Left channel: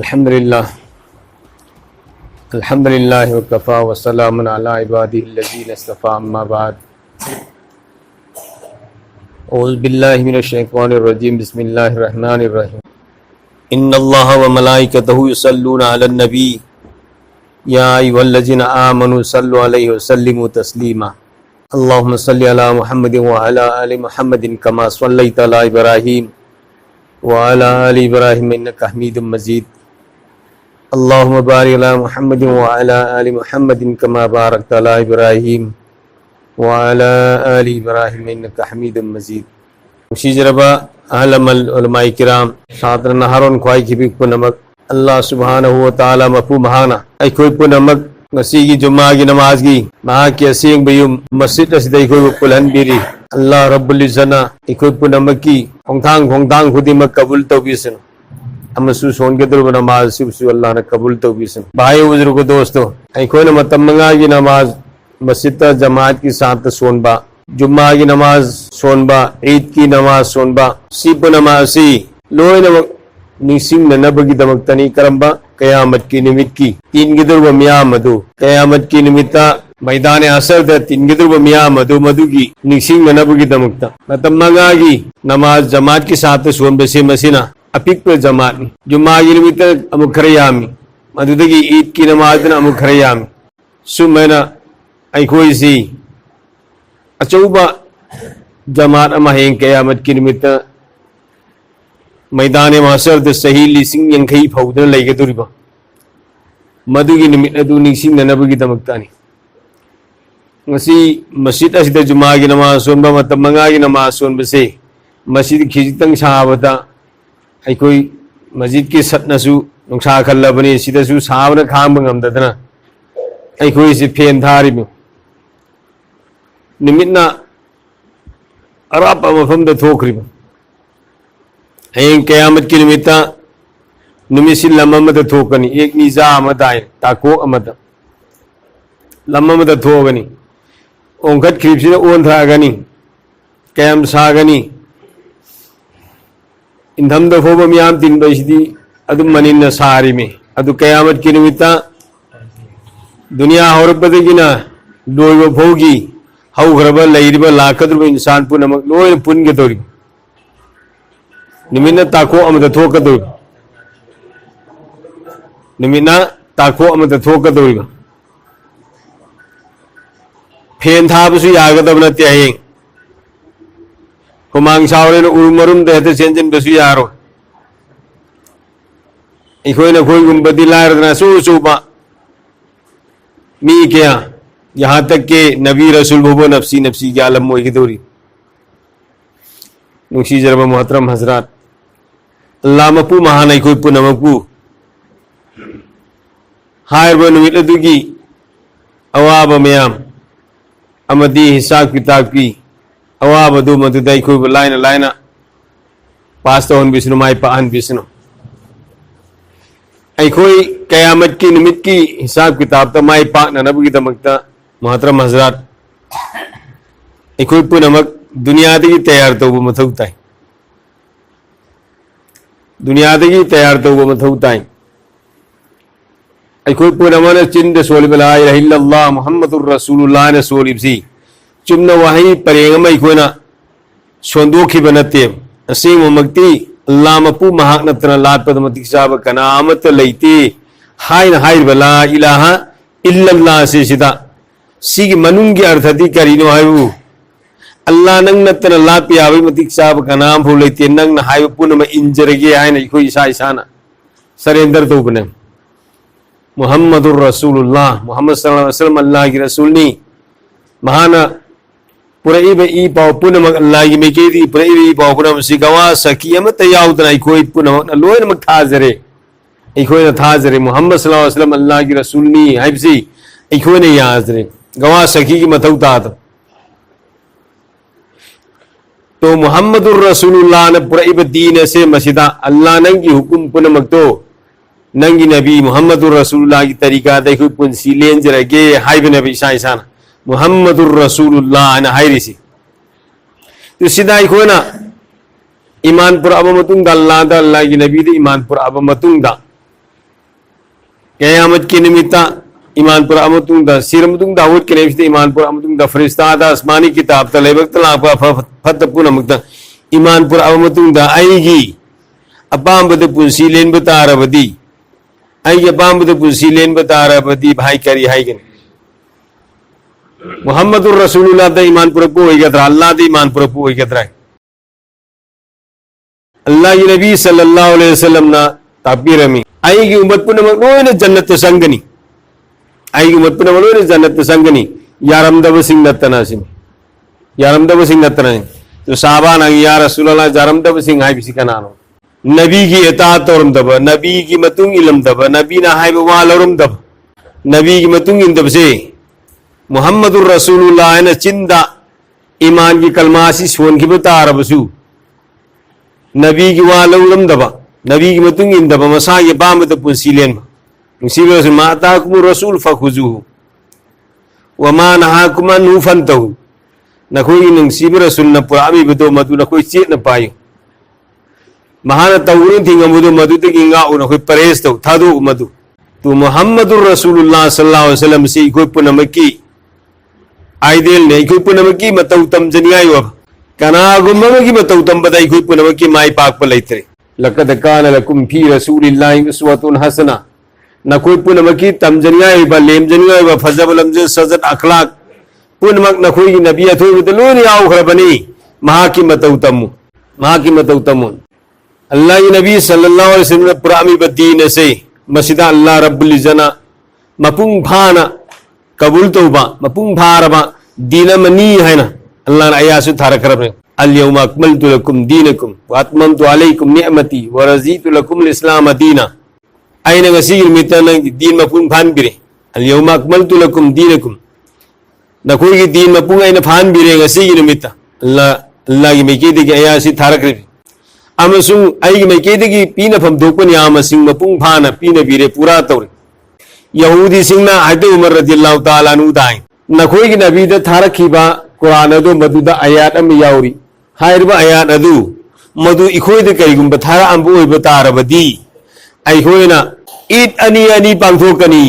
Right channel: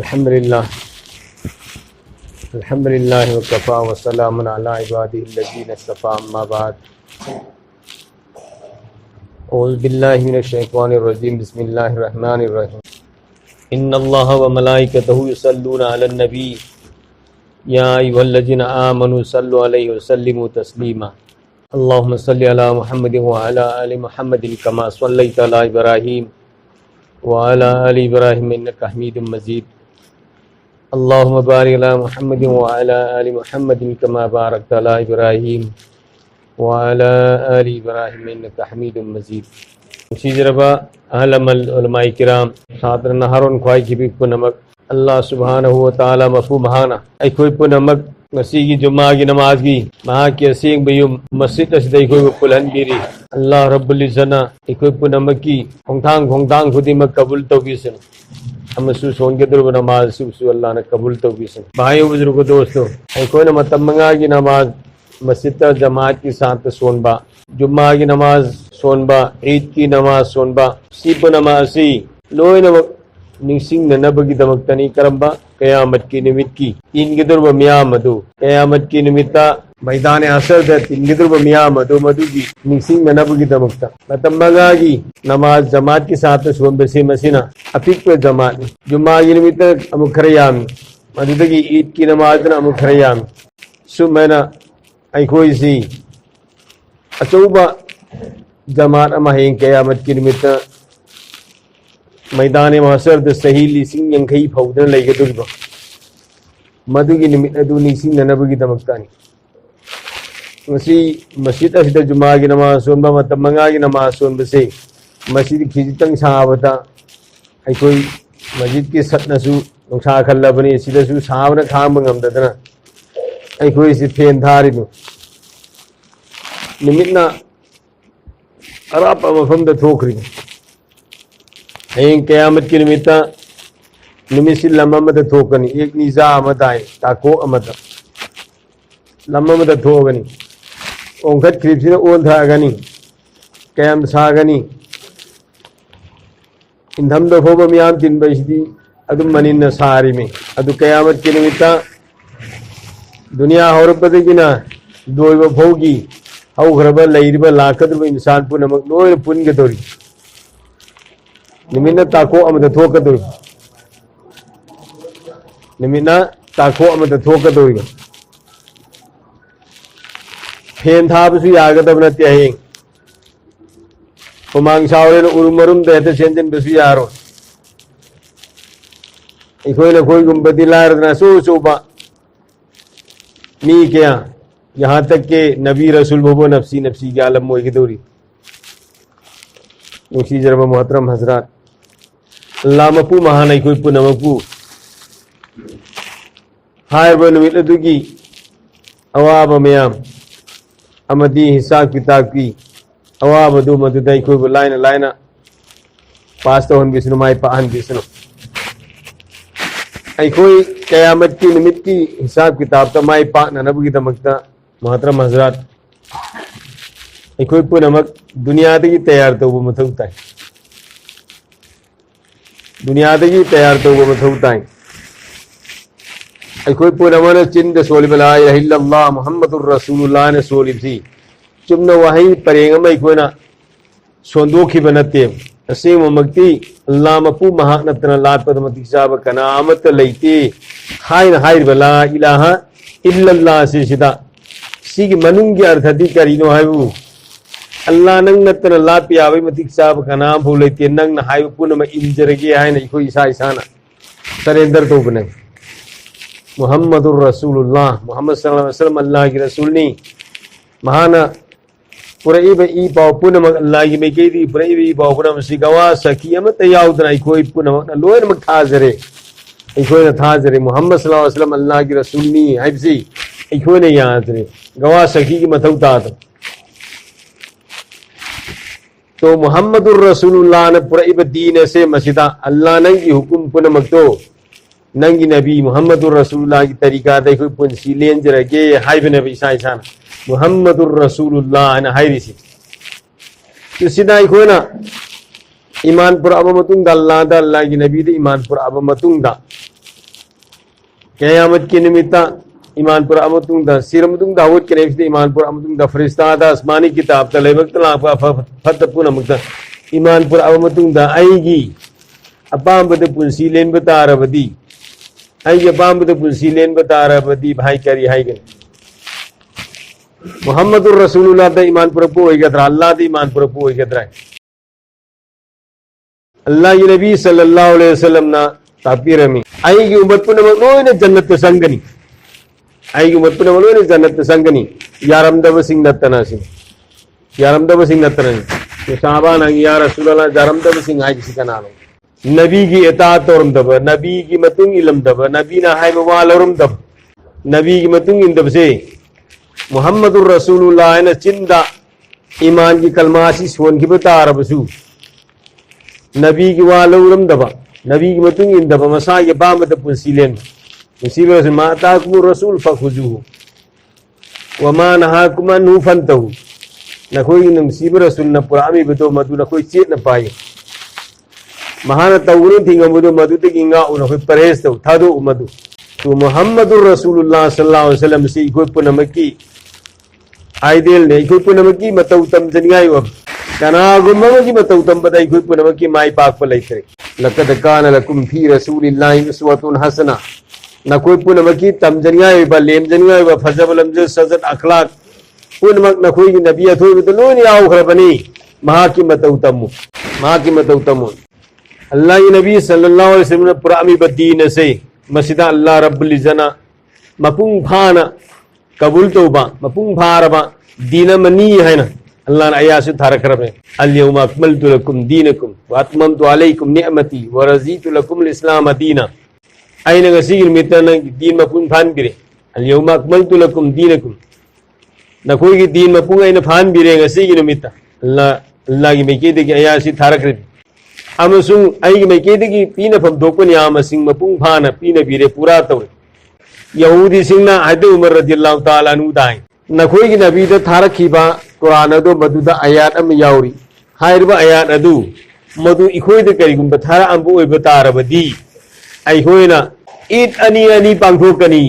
अल्हम्दुलिल्लाह अल्हम्दुलिल्लाह वकफ़ा वस्सलामुन अला इबादिहिल्लज़ीना इस्तफ़ा अम्मा बाद औज़ु बिल्लाहि मिनश शैतानिर रजीम बिस्मिल्लाहिर रहमानिर रहीम इन्नल्लाह व मलाइकतहु युसल्लूना अलन नबी या अय्युहल्लज़ीना आमनु सल्लु अलैहि व सल्लिमु तस्लीमा अल्लाहुम्मा सल्लि अला मुहम्मदिन व अला आलि मुहम्मदिन कमा सल्लैता अला इब्राहीम व अला आलि इब्राहीम इन्नका हमीदुम मजीद अल्लाहुम्मा बारिक अला मुहम्मदिन व अला आलि मुहम्मदिन कमा बारकता अला इब्राहीम व अला आलि इब्राहीम इन्नका हमीदुम मजीद मुशीजरबा अहलमल उलमाए किराम सादर नहरों ख्वाई की पुनमक अल्लाह सुब्हानहु व तआला मफू महाना अखोई पुनमक ngasi Jumaa gi namaz gi maha ki asing bayum masjid asida ikoi pulhanbiri Allah Rabbul Izzana ikoi punamaki hongtang khudi mak kabul tawbisin amasu son ke dur namaz su Allah ne kabul tawbisin bhai uzur ko dosto ikoi na matamanga gi namaz masjid ta jamaat ki sath sonba Jumaa ki namaz sonba Eid ki namaz sonba si punamasi loy na Nising नबगी दमक्तनी Karamba कयामत की निमित की तीन गिदर व मिया मधु कयामत की निमित्ता मैदान असर the तीन गिदर व मिया मधु मधु की निसिंग नबगी दमक्ता मतमंगागी नमाज जमात के साथ सोन बसे मसीना अपिक पे जमात जुम्मा की निमित्ता अमुखरयामी मधुदगी ईद की नमाज न अमुखरयामी सुमना ऐकोई सी अचौबा जमात अमहें कयामत की निमित्ता मैदान महशर द सही लिसिंग यंखई फौदन लेगदुरिबा मधुगी निमित अदु Nising ननबगी दमक्तानी ngasi masjid asida Jumaa gi namaz sonba matamanga gi namaz sonbase masjid khijitang sahabata aikoi masjid ki satnasu nungsa khallabani sidasu sahabna kham ngamdadana aikoi si fen tharibu nimitna arab amafam da thokribu कयामत की निमित्ता निमिसी लम्मद थोकनी एक निजा अमदाय ताको अमद लम्मद थोगनी ओंखत खिरिपसी own थागनी कयाम सागनी इंधम दफोब मियाम दिन बसिदी अदु मनिन सारी में अदु कयामत की निमित्ता दुनिया हौरबदगिना दोइबो भोगी हौग्रब लैरिब लाकद्रब इंसान पुनमक लोय पुनगे तोरी निमिना ताको अमद थोकदो निमिना ताको अमद थोकदो फेन थाबसु यागदब नते हयें कुमांग सावरेन उरुमरुम दहते सेंजन बसु यारो इखोइना खोइ गुनबदी लारदना सोबा मी क्या यहाँ तक के नबी रसूल भोबो नफसी नफसी के आलम मोई की दोरी नुशी जरबा मोहतरम हजरात अल्लाह मपू महान कोई पुनमपू हायब नुमित अदुगी अवाब मयाम अमदी हिसाब किताब की अवाब अदु मदुदै कोई लाइन लाइन पास तो बिष्णु माई पाहन बिष्णु कोई कयामत की निमित की हिसाब किताब तो माई पा नबी दमकता मोहतरम हजरात कोई पुनमक दुनिया की तैयार तो मथौता है दुनिया की तैयार तो मथौता है कोई पुनमन चिंद सोलिब ला इलाहा इल्लल्लाह मुहम्मदुर रसूलुल्लाह ने सोलिबसी चुमना वही परेंगम कोना सोंदोखि बनते असेंग ममक्ति अल्लाह मपू महाक नतना लापद मतिक साब कनामत लेते हाइन हाइर ला इलाहा इल्लल्लाह से सिदा सिगी मनुंग की अर्थति करिनो हायु अल्लाह नंग नतना लापिया वे मतिक साब का नाम भूल लेते नंग न हाय पुन में इंजरगे आए नहीं कोई ईसा ईसाना सरेंदर तो बने मुहम्मदुर रसूलुल्लाह मोहम्मद सल्लल्लाहु अलैहि वसल्लम अल्लाह की रसूल नी महाना पूरे ई पाव पुन में अल्लाह की में के दी पूरे ई पाव पुन में सिगवा सकी मत याउदना कोई पुन लोयर में थाजरे कोई न थाजरे मोहम्मद सल्लल्लाहु अलैहि वसल्लम अल्लाह की रसूल नी हाइबसी कोई ने याजरे गवा सकी की मथौता तो मुहम्मदुर रसूलुल्लाह ने पूरा दीन से मसीदा अल्लाह नंगी हुकुम पुनमक तो नंगी नबी मुहम्मदुर रसूलुल्लाह की तरीका देखो पुंसी लेंज रगे हाइब नबी ईसा ईसा मुहम्मदुर रसूलुल्लाह ने हाइरिसी तो सीधा इको ना ईमान पुरा अब मतुंग दा अल्लाह की नबी दे ईमान पुरा अब मतुंग दा क़यामत की निमित्ता ईमान पर अमतुंग सिरमतुंग दाऊद के नेम ईमान पर अमतुंग फरिश्ता दा आसमानी किताब ता लेबक्तला फत पुनमुक्ता ईमान पर अमतुंग आईगी अपांबद पुंसी लेन बतारबदी आईगी अपांबद पुंसी लेन बतारबदी भाई करी हाईगन मुहम्मदुर रसूलुल्लाह दा ईमान पर होइगद्रा अल्लाह दा ईमान पर होइगद्रा अल्लाह की नबी सल्लल्लाहु अलैहि वसल्लम ना ताबीरमी आईगी उम्मत पुनम नोने जन्नत संगनी आईगी उम्मत पुनम नोने जन्नत संगनी यारमदब सिंह नतनासिम यारमदब सिंह नतना तो साहबा ना या रसूलुल्लाह यारमदब सिंह हाई बिसी का नाम नबी की इताअत औरम दब नबी की मतुंग इलम दब नबी ना हाई वालरम दब नबी की मतुंग इन दब से मुहम्मदुर रसूलुल्लाह ने चिंदा ईमान की कलमासी सोन की बता रबसु नबी की वालरम दब नबी की मतुंग इन दब मसा ये बामद पुंसीलेन मुसीबत से माता कुम रसूल फखुजुहु वमा नहाकुम अनु फंतहु नखोई नंसीब रसूल न पुरामी बदो मधु नखोई चेत न पायो महान तौरुन थिंग मधु मधु ते गिंगा उन नखोई परेस तो थादो मधु तो मुहम्मदुर रसूलुल्लाह सल्लल्लाहु अलैहि वसल्लम से कोई पुनमकी आइडियल ने कोई पुनमकी मतौ तम जनियाय अब कना गुममकी मतौ तम बदाई कोई पुनमकी माई पाक पर लेतरे लक़द कान लकुम फी रसूलिल्लाहि उस्वतुन हसना न कोई पुनमकी तम जनियाय बा लेम जनियाय बा फजल लमज सजत अखलाक पुनमक न कोई नबी अथोय बदलो ने आओ खरबनी महा की मतौ तम अल्लाह की नबी सल्लल्लाहु अलैहि वसल्लम पुरामी बदीन से मसीदा अल्लाह रब्बुल इज़्ज़ना मपुंग भाना कबूल तौबा मपुंग भारबा दीन मनी है ना अल्लाह ने आयासु थारा करब अल यौमा अकमलतु लकुम दीनकुम व अतममतु अलैकुम निअमती व रज़ीतु लकुम इस्लाम दीना आइना ngasi मितन दीन मपुंग भान बिरे अल यौमा अकमलतु लकुम दीनकुम नखोई की दीन मपुंग आइना भान बिरे ngasi मिता अल्लाह की मेके दे आयासु थारा करब अमसुंग आई मेके दे पीना फम दोपन यामसिंग मपुंग भाना पीना बिरे पूरा तौर यहूदी सिंगना हद उमर रज़ियल्लाहु ताला अन्हु दाई नखोई की नबी दा थारखिबा कुरान अदो मदुदा आयात अम याउरी हाइरबा आयात अदु मदु इखोई दे कईगुंबा थारा अंबु ओइबा तारबदी आइखोइना ईद अनि अनि पांथोकनी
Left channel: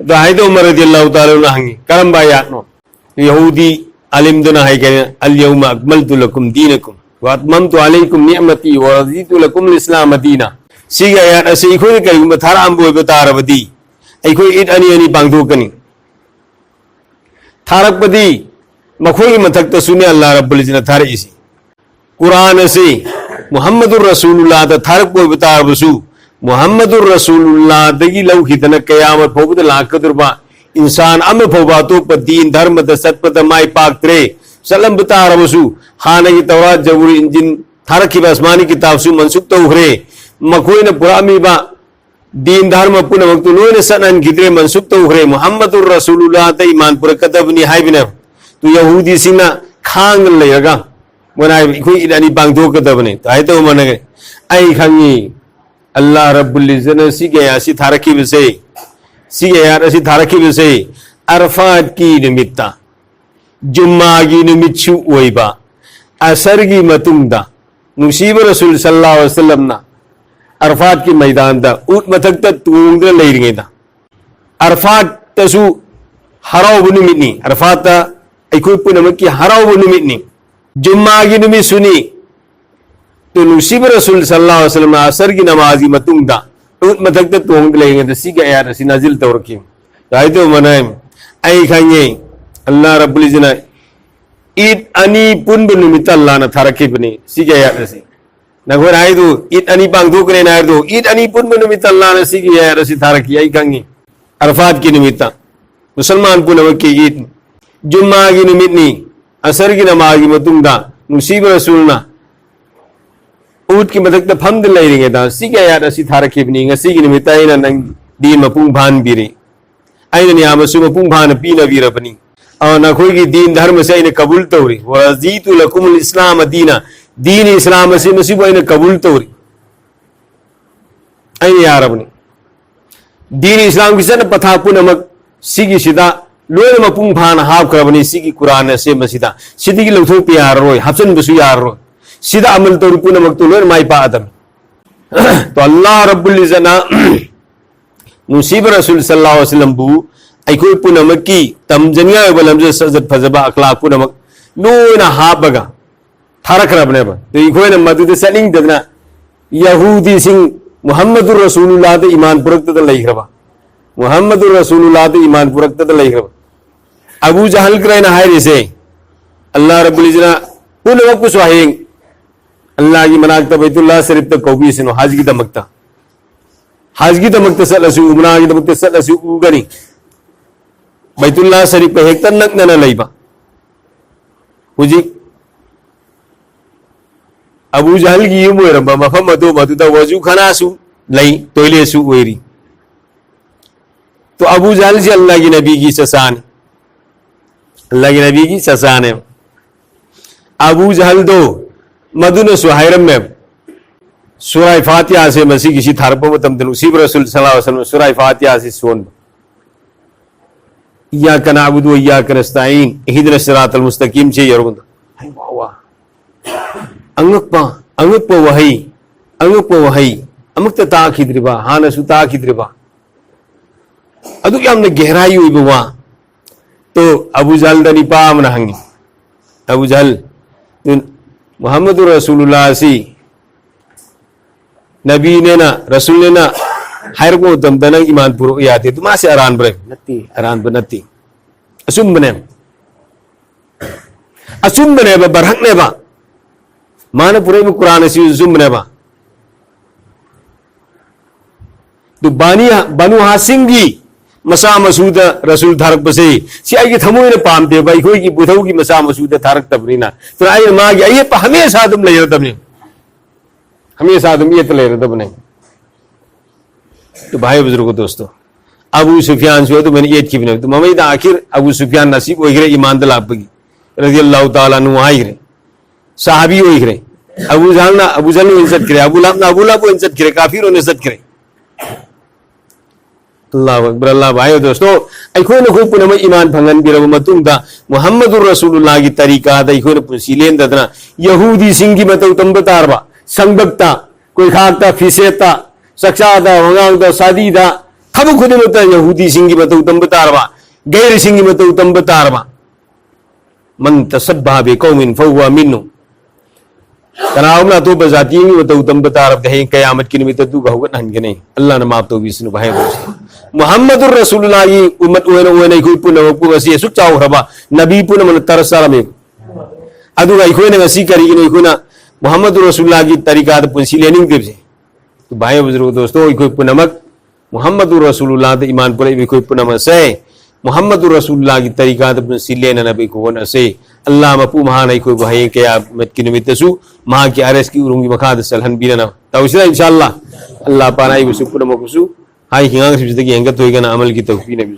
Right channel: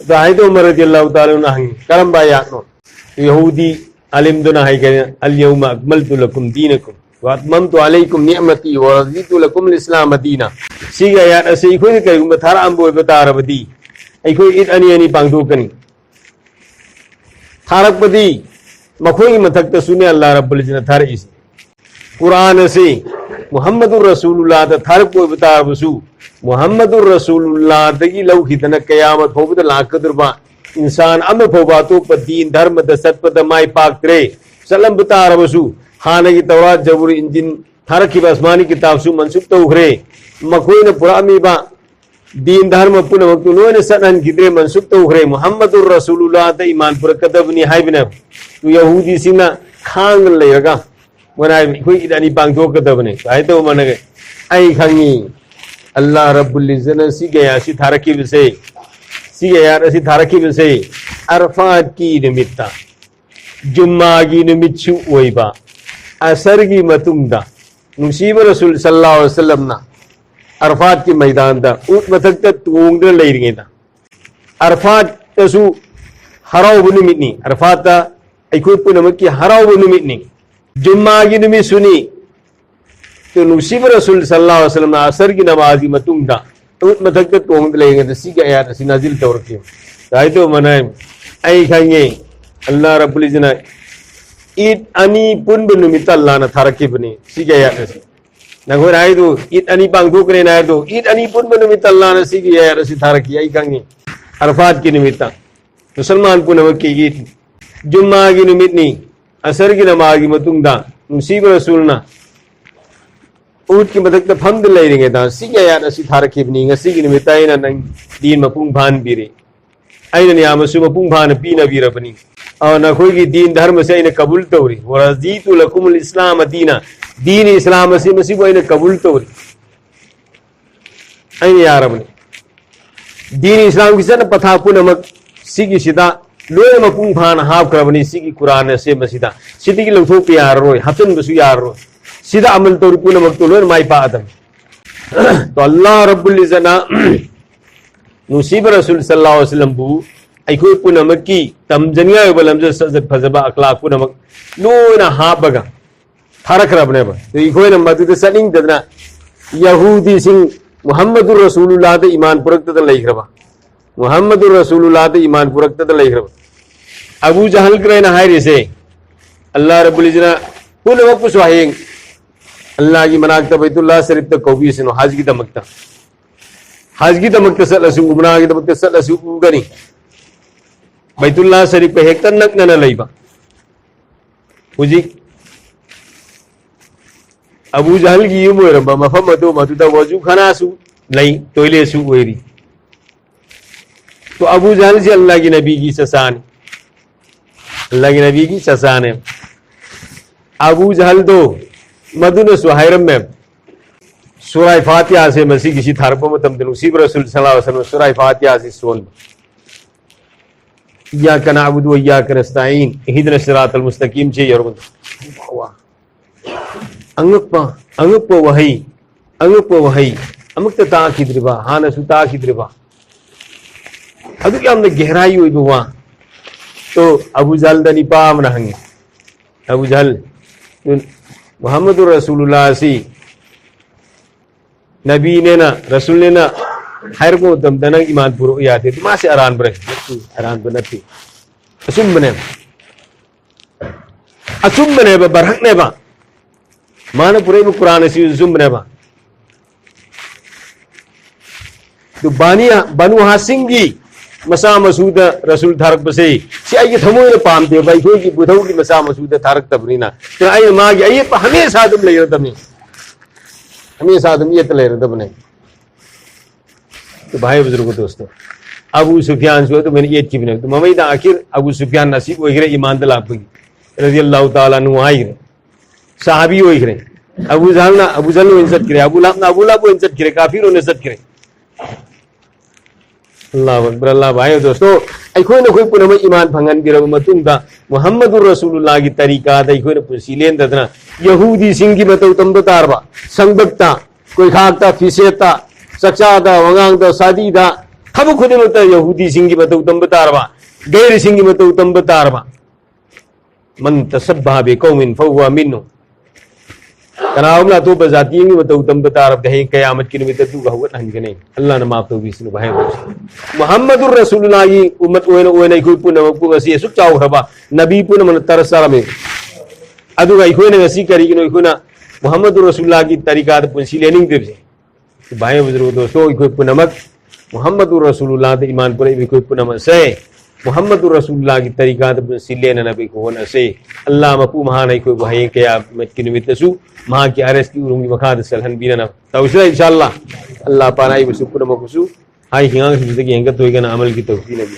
दा हद उमर रज़ियल्लाहु ताला अन्हु हंगी करंबा आयात नो यहूदी अलिम दुना है के अल यौमा अकमलतु लकुम दीनकुम व अतममतु अलैकुम निअमती व रज़ीतु लकुम इस्लाम दीना सिगा आयात असे इखोई दे कईगुंबा थारा अंबु ओइबा तारबदी अखोई ईद अनि अनि पांथोकनी थारकपदी मखोई मथक सुने अल्लाह रब्बुल इज़्ज़त थारइसी कुरान से मुहम्मदुर रसूलुल्लाह दा थारक को बताबसु मुहम्मदुर रसूलुल्लाह दगी लौखिदन कयामत फोबद लाकदुरबा इंसान अम फोबा तो दीन धर्म द सत्पद माई पाक्रे सलम बतारबसु खाने की तौरात जबूर इंजिन थारकी आसमानी किताब सु मनसुख तौहरे मखोई न पुरामीबा दीन धर्म पुनमक्तु लोने सनन गिद्रे मनसुख तौहरे मुहम्मदुर रसूलुल्लाह दा ईमान पुर कदबनी हाइबिना तो यहूदी सिंगना खांग लेगा वनाई कोई इदानी बांगदो कदबने तो मनगे आई खंगी अल्लाह रब्बुल इज़्ज़त सी गया सी थारकी बसे सी गया सी थारकी बसे अरफात की निमित्ता जुम्मा की निमित्तु ओइबा असर की मतुंगदा मुसीब रसूल सल्लल्लाहु अलैहि वसल्लम ना अरफात की मैदान दा उट मथक ता तूंगदे लेरिंगेदा अरफात तसु हराव निमित्तनी अरफात ता अखोई पुनमकी हराव निमित्तनी जुम्मा की निमित्त सुनी तो मुसीब रसूल सल्लल्लाहु अलैहि वसल्लम असर की नमाज की मतुंगदा उट मथक ता तूंगदे लेरिंगेदा सी गया सी नाजिल तौरकी दाइतो मनाय आई खंगे अल्लाह रब्बुल इज़्ज़त ईद अनि पुन निमित्त अल्लाह ना थारकी बनी सी गया सी नगोर आइदो ईद अनि पांगदो करे नायदो ईद अनि पुन निमित्त अल्लाह ना सी गया रसी थारकी आई खंगे अरफात की निमित्त मुसलमान पुनमकी ईद जुम्मा की निमित्तनी असर की नमाज की मतुंगदा मुसीब रसूल ना ऊट की मदद फमद लेरिंगे दा सी गया रसी थारकी बनी ngasi की निमित्त आइना नंग दीन मपुंग भान बिरे आइना नियामसु मपुंग भान पीना बिरबनी और नखोई की दीन धर्म से आइना कबूल तौरी व रज़ीतु लकुम इस्लाम दीना दीन इस्लाम से मसीब आइना कबूल तौरी आइना यारबनी दीन इस्लाम की सन पथा पुनमक सिगी सिदा लोय मपुंग भान हाव करबनी सिगी कुरान से मसीदा सिदी की लौथो पे यारोय हसन बसु यारो सीधा अमल तौर पुनमक तो लोय माई पा आदम तो अल्लाह रब्बुल इज़्ज़त नुसीब रसूल सल्लल्लाहु अलैहि वसल्लम बु अखोई पुनमकी तमजनिया बलमज सजत फजबा अखलाक पुनमक लोना हाबगा थारखरबनेबा तो इखोइना मदुद सलिंग दना यहूदी सिंह मुहम्मदुर रसूलुल्लाह दे ईमान पुरक्तद लैखरबा मुहम्मदुर रसूलुल्लाह दे ईमान पुरक्तद लैखरबा अबू जहल करैना हायरिसे अल्लाह रब्बुल इज्जत पुनमक सुहायिंग अल्लाह की मनाकता बैतुल्लाह शरीफ तक कौबी सिनो हज की दमकता सलसु उमरा की दमकता सलसु उगनी बैतुल्लाह शरीफ पे हेक्टर नकना लैबा हुजी अबू जहल की युम ओइरबा मफम अदो मदुदा वजू खाना सु लई टॉयलेट सु ओइरी तो अबू जहल से अल्लाह की नबी की ससान है अबू जहल दो मदुन सुहायरम में सूरह फातिहा से मसी किसी थारपो मतम नसीब रसूल सल्लल्लाहु अलैहि वसल्लम सूरह फातिहा से सोन इय्याका नअबुदु व इय्याका नस्तईन इहदिनस सिरातल मुस्तकीम छे यरगुन अंगप वही अमुक्त ताखिद्रिबा हानसु ताखिद्रिबा अदु यामना गहराई होइबवा तो अबू जहल दनी पाम न हंगे अबू जहल मोहम्मद रसूलुल्लाह सी नबी ने ना रसूल ने ना हर को तम दना ईमान पुरो याते तो मासे अरान बनती असुम बने बरहक ने बा माने पूरे में कुरान सी जुम बने बा तो बनु हासिम की मसा मसूद रसूल थारक बसे सी आई के थमोय ने पाम दे भाई कोई की बुधौ की मसा मसूद थारक तबरीना तो आई मां की आई हमेशा तुम ले रहे तबने हमेशा तुम ये ले रहे तबने तो भाई बुजुर्गों दोस्तों अबू सुफियान से तो मैंने ये की बने तो मम्मी आखिर अबू सुफियान नसीब होई गरे ईमान दल आपकी रज़ियल्लाहु ताला नु आई गरे सहाबी होई गरे अबू जहल ने इज्जत करे अबू लहब को इज्जत करे काफिरों ने इज्जत करे अल्लाह अकबर अल्लाह भाई दोस्तों अखोने कोई पुनम ईमान फंगन बिरब मतुंगदा मुहम्मदुर रसूलुल्लाह की तरीका दा अखोने पुंसीलेन ददना यहूदी सिंह की मतौ तंब तारबा संगबक्ता कोई खाकता फिसेता सक्षादा वंगांगदा सादीदा खब खुदे मत यहूदी सिंह की मतौ तंब तारबा गैर सिंह की मतौ तंब तारबा मन तसब्बा बिकौमिन फहुवा मिन्नु कनावना तो बजाती में तो तंब तारब दे कयामत की निमित्त तू बहुगत हनगे नहीं अल्लाह ने माफ तो विष्णु भाई दोस्तों मुहम्मदुर रसूलुल्लाह की उम्मत ओने कोई पुन को वसी सुख चाव हबा नबी पुन मन तरसरा में अदु अखोने ngasi करी कि अखोना मुहम्मदुर रसूलुल्लाह की तरीका तो पुंसी लेनिंग दे तो भाई बुजुर्ग दोस्तों कोई पुनमक मुहम्मदुर रसूलुल्लाह तो ईमान पर कोई पुनम से मुहम्मदुर रसूलुल्लाह की तरीका तो पुंसी लेना नबी को होना से अल्लाह मपू महान कोई भाई के मत की निमित्त सु महा की आरएस की उरुंगी मखाद सलहन बीना तो इंशाअल्लाह अल्लाह पाना ही सुकुन मकुसु हाई हिंगांग से जिंदगी हंगत होएगा ना अमल की तौफीक नबी